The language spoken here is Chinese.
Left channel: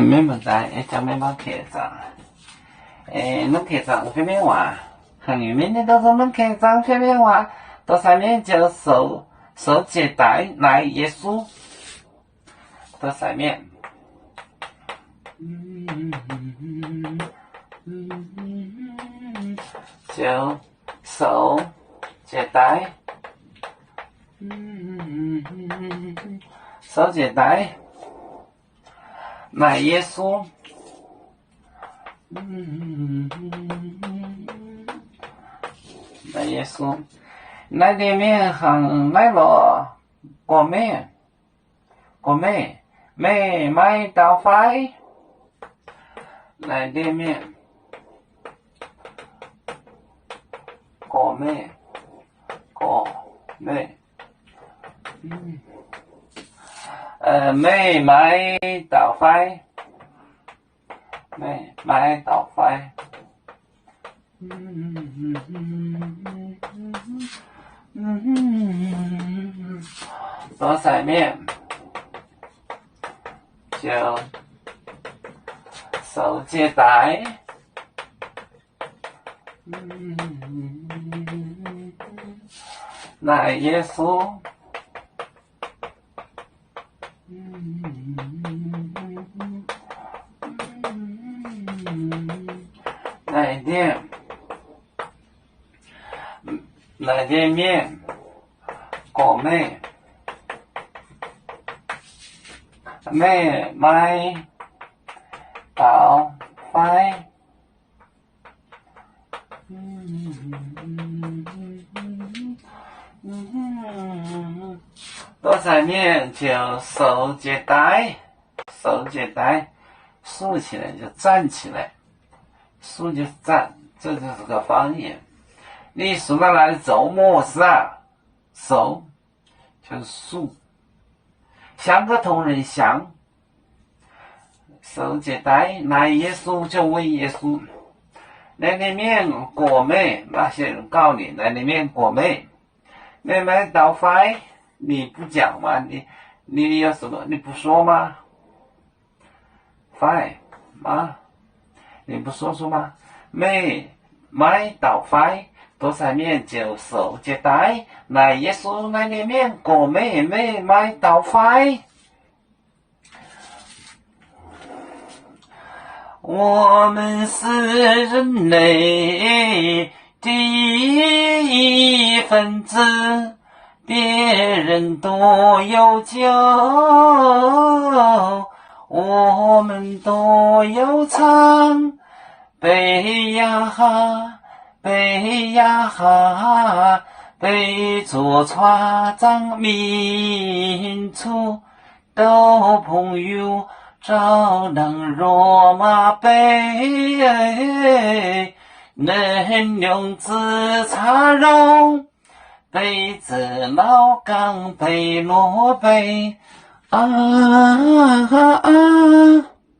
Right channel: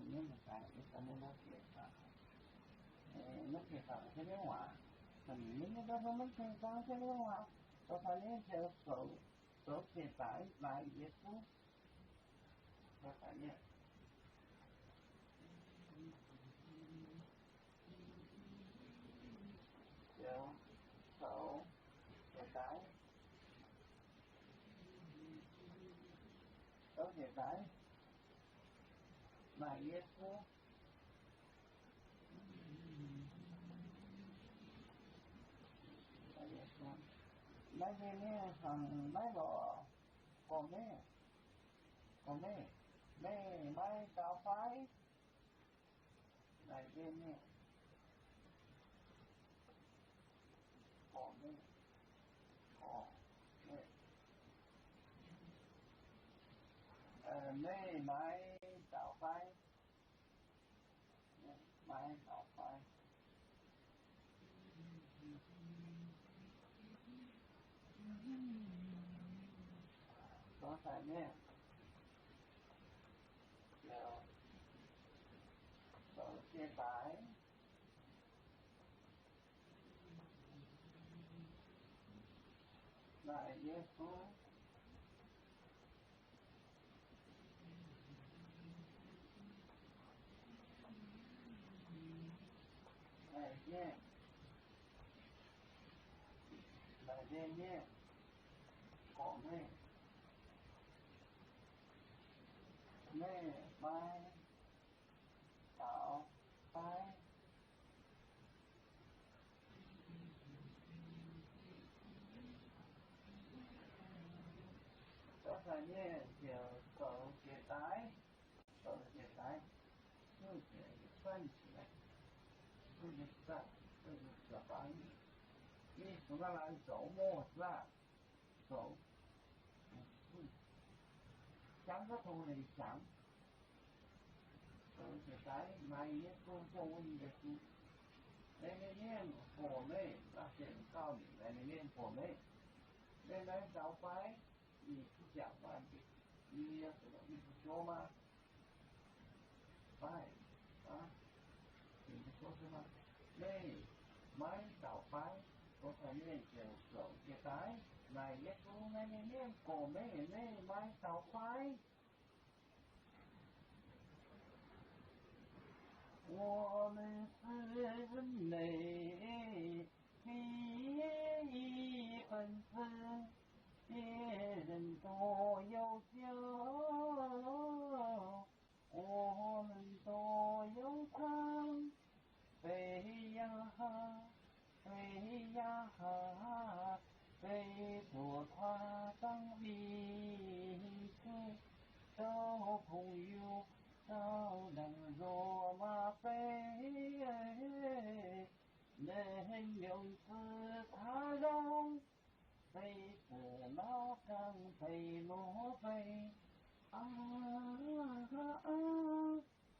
没问题，一没帮开张。能开张方面话，汉语明天都是能开张方面话，到上面就受接待来耶稣，到上面。就受接待，受接待，来耶稣，来耶稣，来里面行来了，过咩买到快，来里面。过咩？没买到快，没买到快。到上面就受接待。来耶稣，来点面，过妹，妹买到快。到上面就受接待，竖起来就站起来，竖就是站，这就是个方言。你竖到那里做么事啊？受就是竖，像个同人像，受接待，来耶稣就问耶稣。那里面果妹，那些人告你，那里面果妹，妹妹倒饭，你不讲吗？你有什么？你不说吗？饭吗？你不说吗？妹买倒饭，到上面就受接待，来耶稣那里面果妹买倒饭。我们是人类第一分子，别人都有酒，我们都有唱。背呀哈，背呀哈，背着船长民族都朋友。照能罗马杯，能用紫茶肉，杯子老钢杯罗杯，啊啊啊！